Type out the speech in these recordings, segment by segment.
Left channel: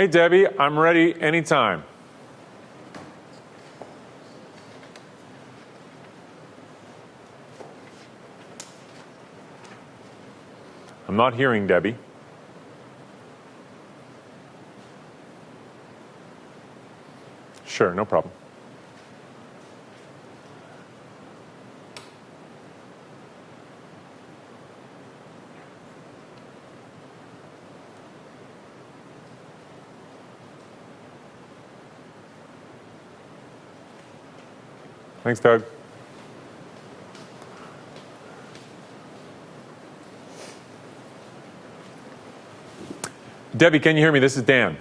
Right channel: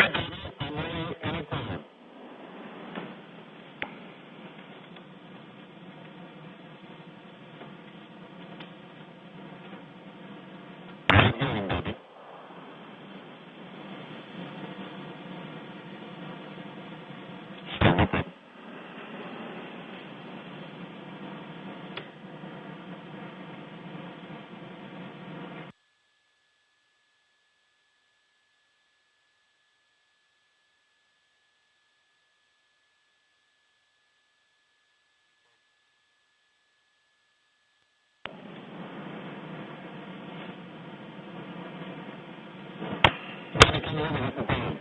Hey, Debbie, I'm ready anytime. I'm not hearing Debbie. Sure, no problem. Thanks, Doug. Debbie, can you hear me? This is Dan.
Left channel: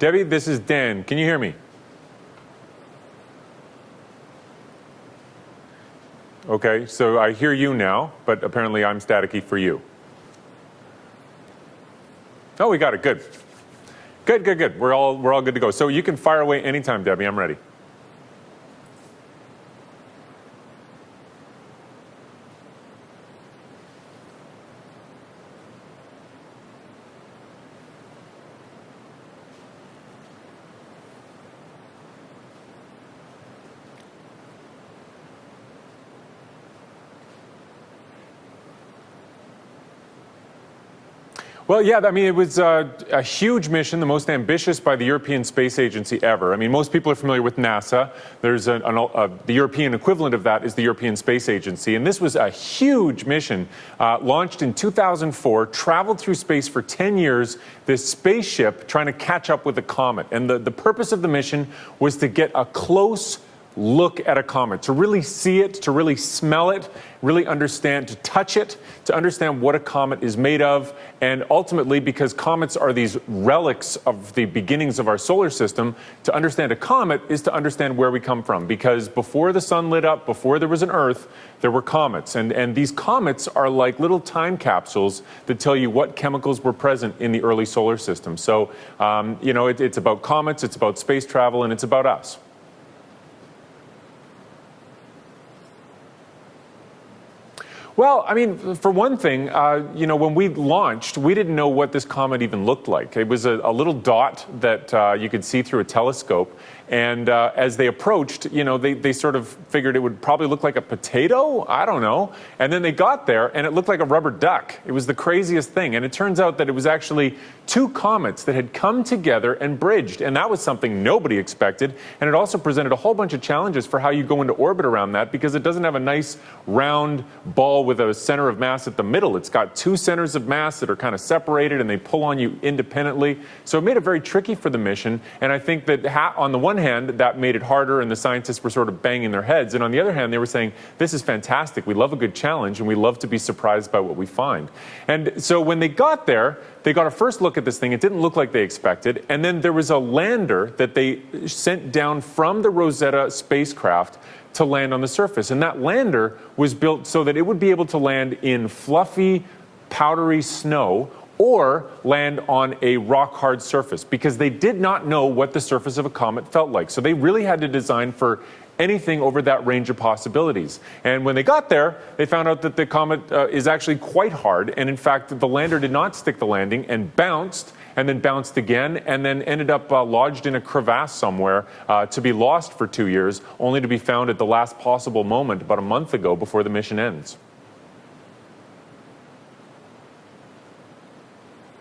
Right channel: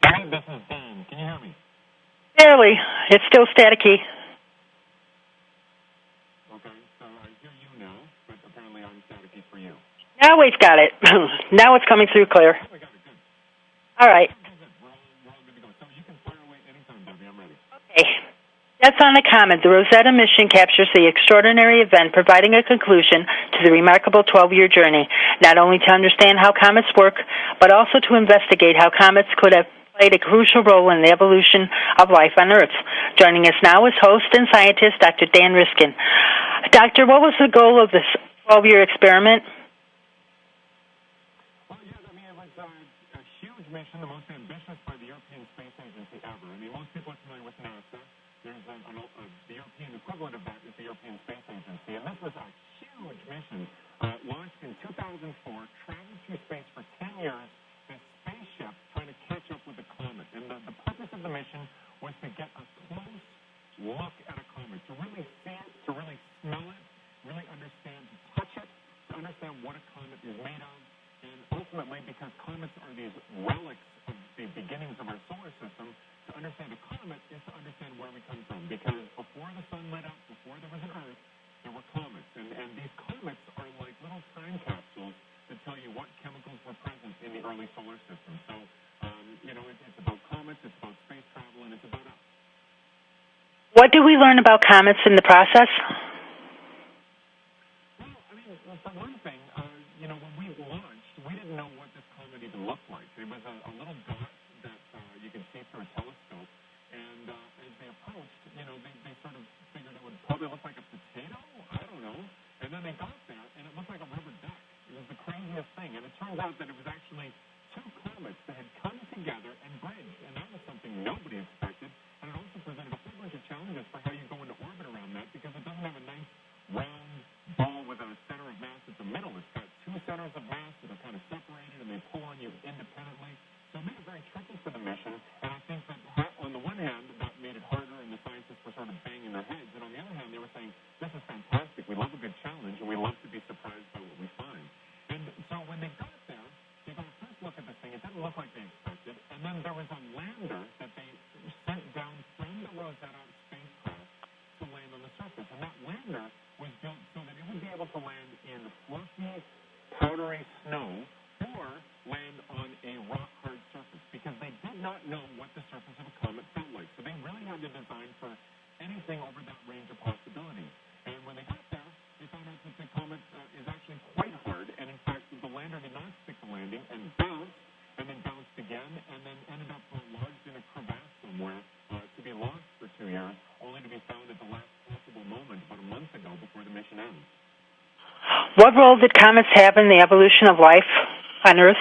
Debbie, this is Dan. Can you hear me? Barely. It's still staticky. Okay, so I hear you now, but apparently I'm staticky for you. Now we've got it. Now it's coming through clear. Oh, we got it. Good. All right. Good. We're all good to go. So you can fire away anytime, Debbie. I'm ready. Okay. That's on the Comet. The Rosetta Mission captures the extraordinary event, providing a conclusion to the remarkable 12-year journey, not only to understand how comets work, but also to investigate how comets could have played a crucial role in the evolution of life on Earth. Joining us now is host and scientist Dr. Dan Riskin. Doctor, what was the goal of this 12-year experiment? Well, yeah, I mean, it was a huge mission, the most ambitious by the European Space Agency ever. I mean, most people are familiar with NASA. There's the European equivalent of that is the European Space Agency. And this was a huge mission, launched in 2004, traveled through space for 10 years, this spaceship trying to catch up with a comet. And the purpose of the mission was to get a close look at a comet, to really see it, to really smell it, really understand, to touch it, to understand what a comet is made of, and ultimately, because comets are these relics of the beginnings of our solar system, to understand a comet is to understand where we come from, because before the sun lit up, before there was an Earth, there were comets, and these comets are like little time capsules that tell you what chemicals were present in the early solar system. So, you know, it's about comets, it's about space travel, and it's about us. What do we learn about comets in the process? Well, I mean, for one thing, you know, when we launched, we didn't know what this comet even looked like. It was a little dot that you could see through a telescope. And as they approached, you know, they sort of figured it would probably look like a potato. I don't know. And then they got there, and it looked like a rubber duck. It was the craziest thing. And it turns out that it was actually two comets that had come together and bridged. And that was something nobody expected. And it also presented a whole bunch of challenges for how you go into orbit around that, because it doesn't have a nice round ball with a center of mass at the middle. It's got two centers of mass that are kind of separated, and they pull on you independently. So it made it very tricky for the mission. And I think that on the one hand, that made it harder, and the scientists were sort of banging their heads. And on the other hand, they were saying, this is fantastic. We love a good challenge, and we love to be surprised by what we find. And so when they got there, they got a first look at this thing. It didn't look like they expected. And then there was a lander that they sent down from the Rosetta spacecraft to land on the surface. And that lander was built so that it would be able to land in fluffy, powdery snow or land on a rock-hard surface, because they did not know what the surface of a comet felt like. So they really had to design for anything over that range of possibilities. And when they got there, they found out that the comet is actually quite hard. And in fact, the lander did not stick the landing and bounced, and then bounced again, and then ended up lodged in a crevasse somewhere to be lost for 2 years, only to be found at the last possible moment about a month ago before the mission ends. What role did comets have in the evolution of life on Earth?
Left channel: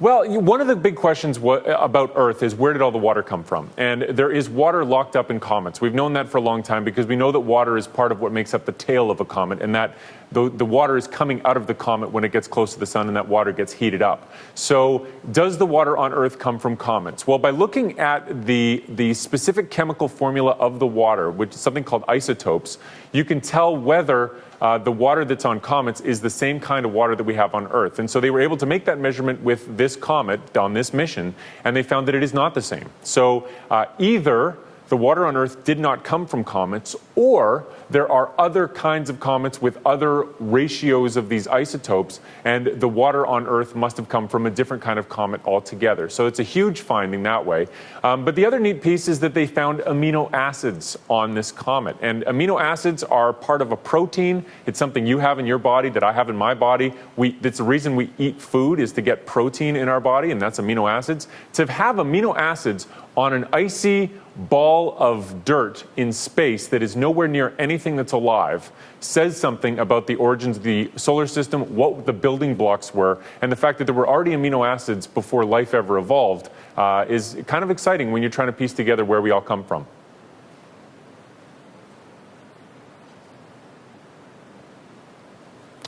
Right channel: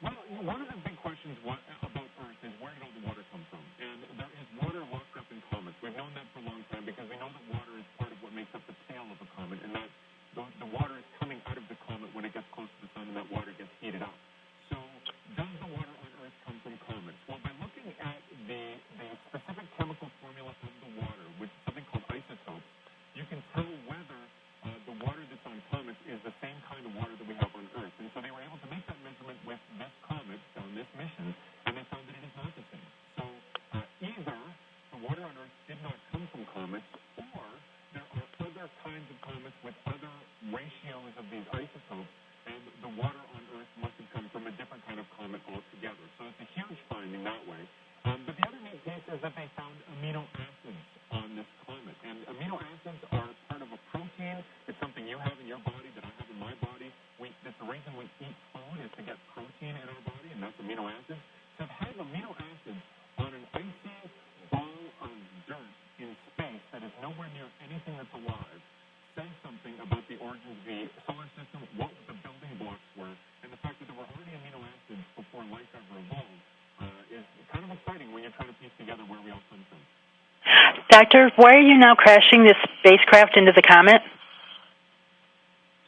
Well, one of the big questions about Earth is, where did all the water come from? And there is water locked up in comets. We've known that for a long time, because we know that water is part of what makes up the tail of a comet, and that the water is coming out of the comet when it gets close to the sun, and that water gets heated up. So does the water on Earth come from comets? Well, by looking at the specific chemical formula of the water, which is something called isotopes, you can tell whether the water that's on comets is the same kind of water that we have on Earth. And so they were able to make that measurement with this comet on this mission, and they found that it is not the same. So either the water on Earth did not come from comets, or there are other kinds of comets with other ratios of these isotopes, and the water on Earth must have come from a different kind of comet altogether. So it's a huge finding that way. But the other neat piece is that they found amino acids on this comet. And amino acids are part of a protein. It's something you have in your body that I have in my body. That's the reason we eat food, is to get protein in our body, and that's amino acids. To have amino acids on an icy ball of dirt in space that is nowhere near anything that's alive says something about the origins of the solar system, what the building blocks were, and the fact that there were already amino acids before life ever evolved is kind of exciting when you're trying to piece together where we all come from. Doctor, why are you now crashing this spacecraft into the comet?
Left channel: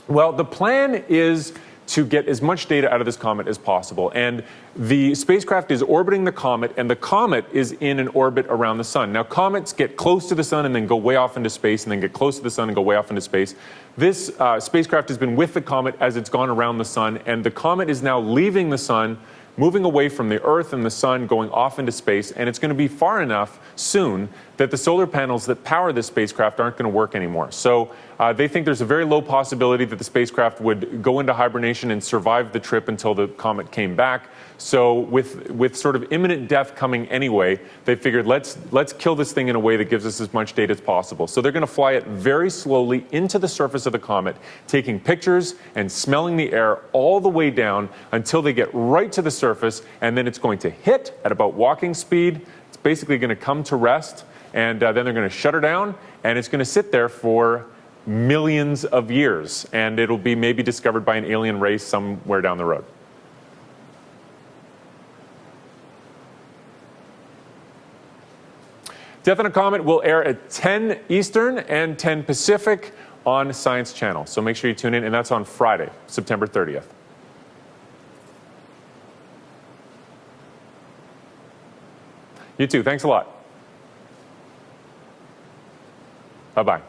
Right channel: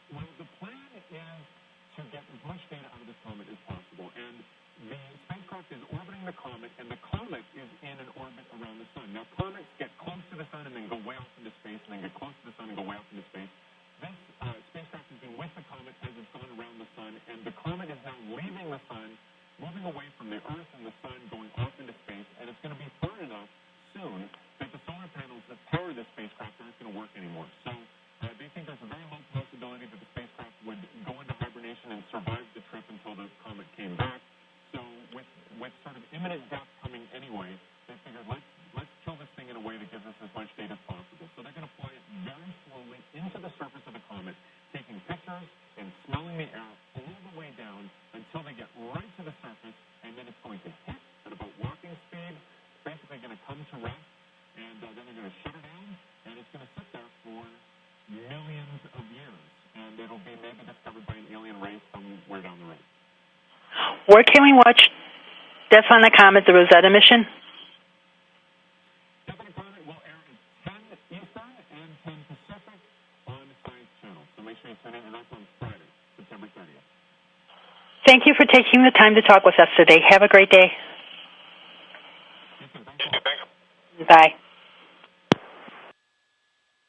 Well, the plan is to get as much data out of this comet as possible. And the spacecraft is orbiting the comet, and the comet is in an orbit around the sun. Now, comets get close to the sun and then go way off into space, and then get close to the sun and go way off into space. This spacecraft has been with the comet as it's gone around the sun, and the comet is now leaving the sun, moving away from the Earth and the sun, going off into space, and it's going to be far enough soon that the solar panels that power this spacecraft aren't going to work anymore. So they think there's a very low possibility that the spacecraft would go into hibernation and survive the trip until the comet came back. So with sort of imminent death coming anyway, they figured let's kill this thing in a way that gives us as much data as possible. So they're going to fly it very slowly into the surface of the comet, taking pictures and smelling the air all the way down until they get right to the surface, and then it's going to hit at about walking speed. It's basically going to come to rest, and then they're going to shut her down, and it's going to sit there for millions of years, and it'll be maybe discovered by an alien race somewhere down the road. Where can we watch Death on a Comet, the Rosetta Mission? Death on a Comet will air at 10 Eastern and 10 Pacific on Science Channel. So make sure you tune in, and that's on Friday, September 30th. Thank you for taking the time to talk with us today. Have a great day. You too. Thanks a lot. Bye. Bye-bye.